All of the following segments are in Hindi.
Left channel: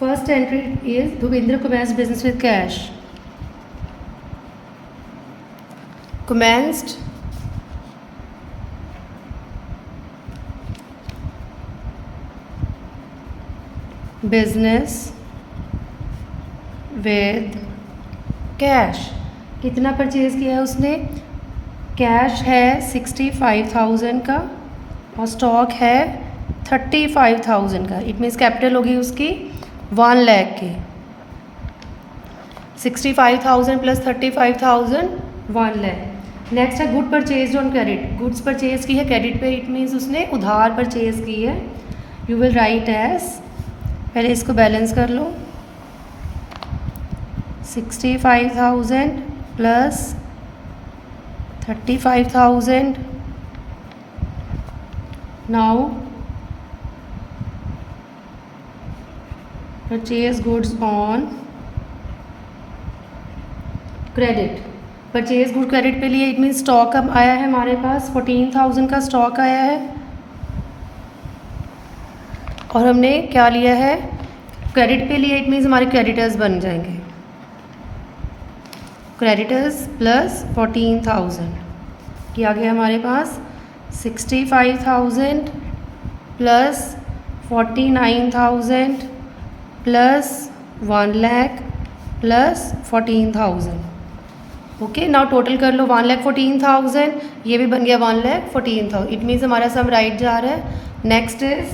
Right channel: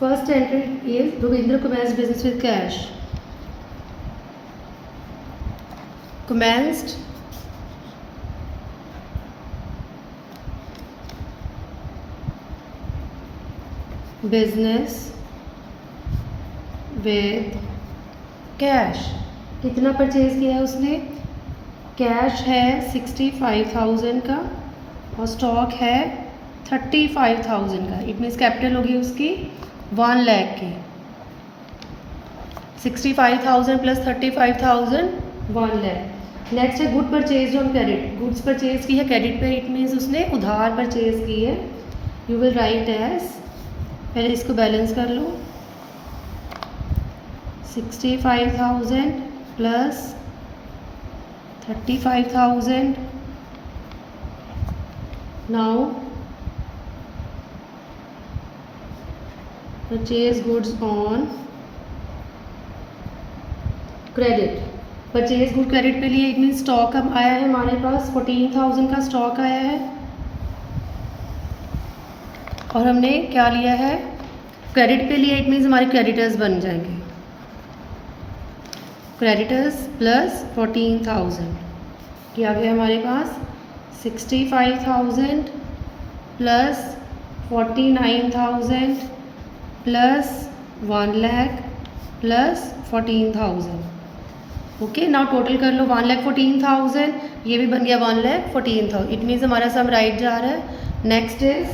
First entry is Bhupendra commenced business with cash. Commenced business with cash. कितना परचेज किया है उसने? कैश है 65,000 का और स्टॉक है 35,000 का. इट मीन्स कैपिटल होगी उसकी 1 लाख की. 65,000 प्लस 35,000 1 लाख. नेक्स्ट है good purchase on credit. Goods purchase की है क्रेडिट पे. इट मीन्स उसने उधार परचेज की है. यू विल राइट एज, पहले इसको बैलेंस कर लो. 65,000 plus 35,000. Now purchase goods on credit. Purchase good credit पे लिए. इट मीन्स स्टॉक अब आया है हमारे पास 14,000 का स्टॉक आया है और हमने क्या लिया है? क्रेडिट पे लिया. इट मीन्स हमारे क्रेडिटर्स बन जाएंगे. क्रेडिटर्स प्लस 14,000 ये आ गया हमारे पास. 65,000 plus 49,000 plus 1 lakh plus 14,000. Okay, now total कर लो. 1,14,000 ये भी बन गया 1,14,000. इट मीन्स हमारा सम राइट जा रहा है. Next is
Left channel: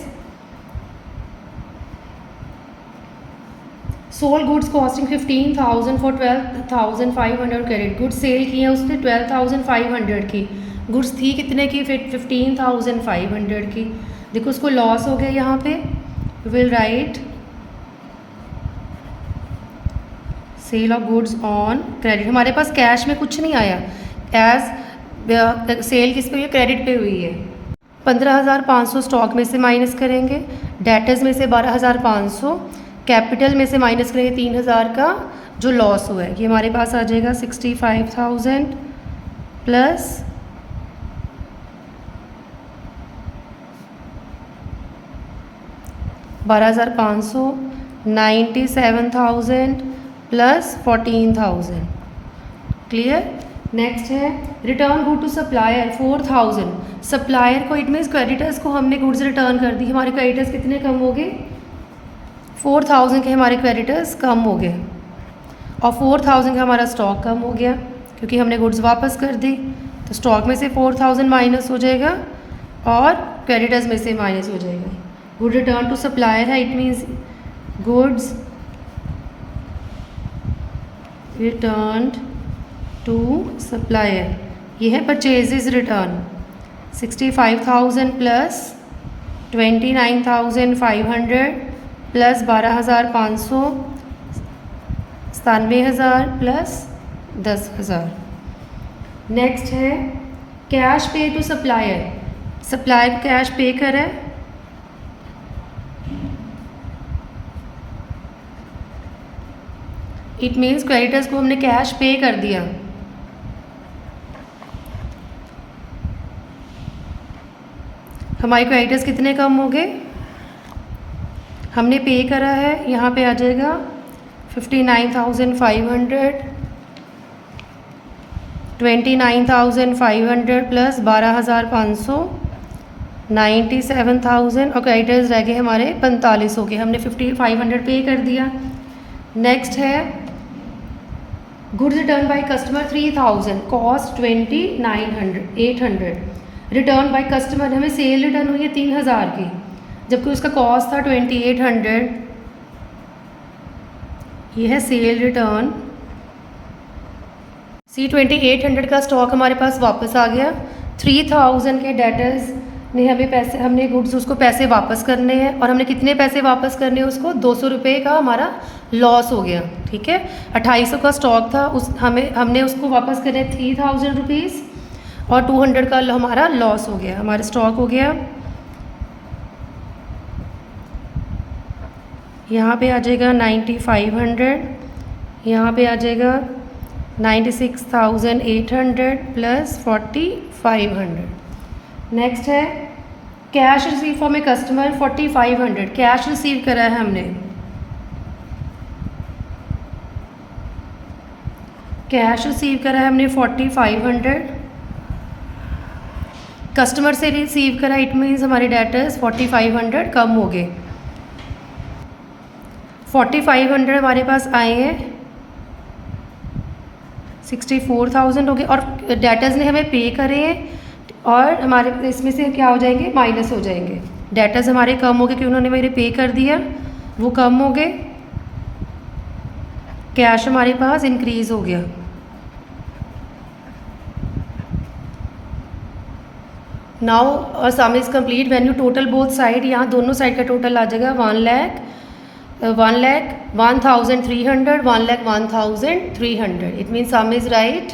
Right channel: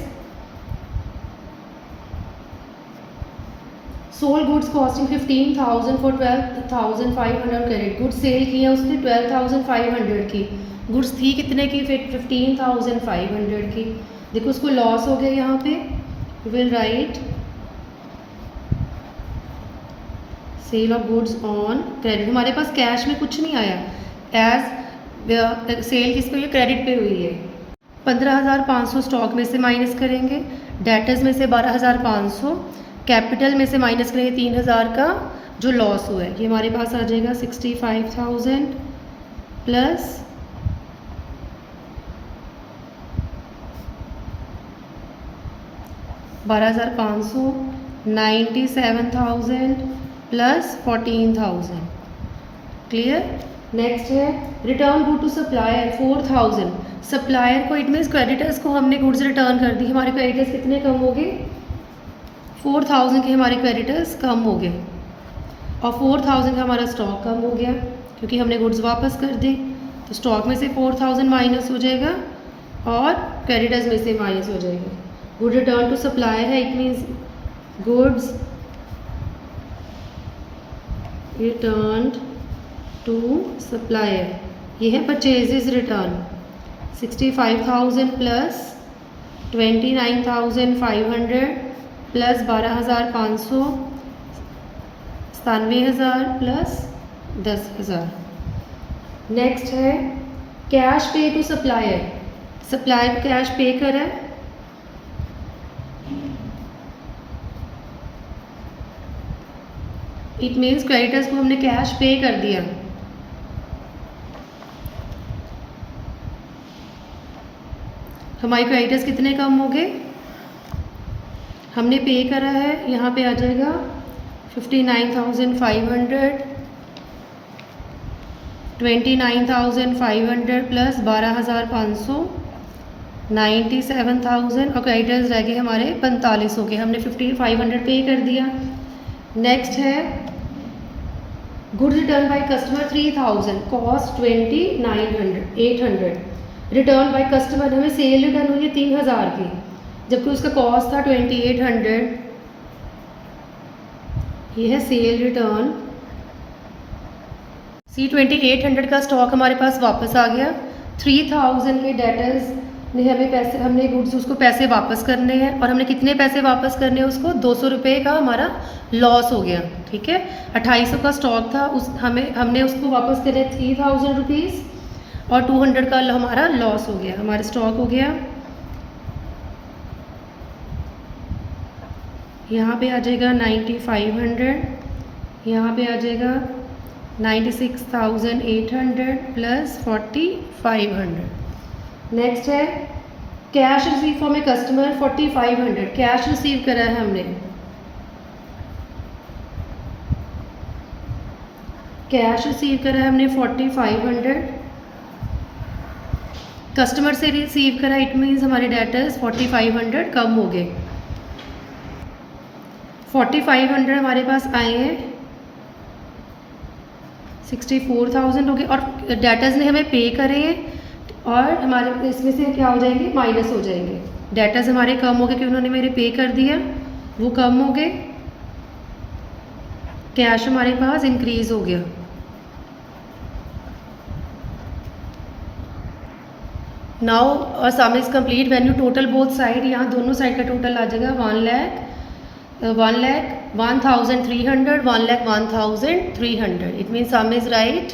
sold goods costing 15,000 for 12,500 credit. Goods sell किए उसने 12,500 की. गुड्स थी कितने की? 15,500 की. देखो उसको लॉस हो गया यहाँ पे. Will write sale of goods on credit. हमारे पास कैश में कुछ नहीं आया. एज सेल किस पे हुई है? क्रेडिट पे हुई है. 15,500 स्टॉक में से माइनस करेंगे. डेटर्स में से 12,500. कैपिटल में से माइनस करेंगे 3,000 का जो लॉस हुआ है. ये हमारे पास आ जाएगा 65,000 प्लस 12,500. 97,000 प्लस 14,000. क्लियर. नेक्स्ट है return good to supplier 4,000. Supplier को, इट मीन्स क्रेडिटर्स को हमने गुड्स रिटर्न कर दी. हमारे क्रेडिटर्स कितने कम हो गए? 4,000 के हमारे क्रेडिटर्स कम हो गए और 4,000 का हमारा स्टॉक कम हो गया क्योंकि हमने गुड्स वापस कर दी. तो स्टॉक में से 4,000 माइनस हो जाएगा और क्रेडिटर्स में से माइनस हो जाएगा. गुड रिटर्न टू सप्लायर है. It means goods return to supplier. ये है purchases return. 65,000 plus 29,500 plus 12,500. 97,000 plus 10,000. Next है cash pay to supplier. Supplier को कैश पे करा है. इट मीन्स क्रेडिटर्स को हमने कैश पे कर दिया. हमारे क्रेडिटर्स कितने कम हो गए? हमने पे करा है. यहाँ पे आ जाएगा 59,500. 29,500 प्लस 12,500 97,000 और क्रेडिटर्स रह गए हमारे 45 हो गए. हमने 5,500 पे कर दिया. नेक्स्ट है goods return by customer 3,000 cost 29,800. Return by customer हमें सेल रिटर्न हुई है 3,000 की जबकि उसका कॉस्ट था 2,800. ये है सेल रिटर्न. 2,800 का स्टॉक हमारे पास वापस आ गया. 3,000 के डेटर्स ने हमें पैसे, हमने गुड्स उसको पैसे वापस करने हैं और हमने कितने पैसे वापस करने हैं उसको? 200 रुपये का हमारा लॉस हो गया. ठीक है, 2,800 का स्टॉक था. हमने उसको वापस करे 3,000 रुपीज़ और 200 का हमारा लॉस हो गया. हमारा स्टॉक हो गया यहाँ पे आ जाएगा 9,500. यहाँ पे आ जाएगा 96,800 प्लस 4,500. नेक्स्ट है cash receive from a customer 4,500. Cash receive करा है हमने कैश रिसीव करा है हमने 4500, कस्टमर से रिसीव करा, इट मीन्स हमारे डेटर्स 4500 कम हो गए। 4500 हमारे पास आए हैं, 64,000 हो गए और डेटर्स ने हमें पे करे हैं और हमारे इसमें से क्या हो जाएंगे, माइनस हो जाएंगे। डेटर्स हमारे कम हो गए क्योंकि उन्होंने मेरे पे कर दिया, वो कम हो गए। कैश हमारे पास इंक्रीज़ हो गया। Now some is complete when you total both side, यहाँ दोनों साइड का टोटल आ जाएगा 1,00,000 1,00,000 1,300 1,00,000 1,300, it means some is right.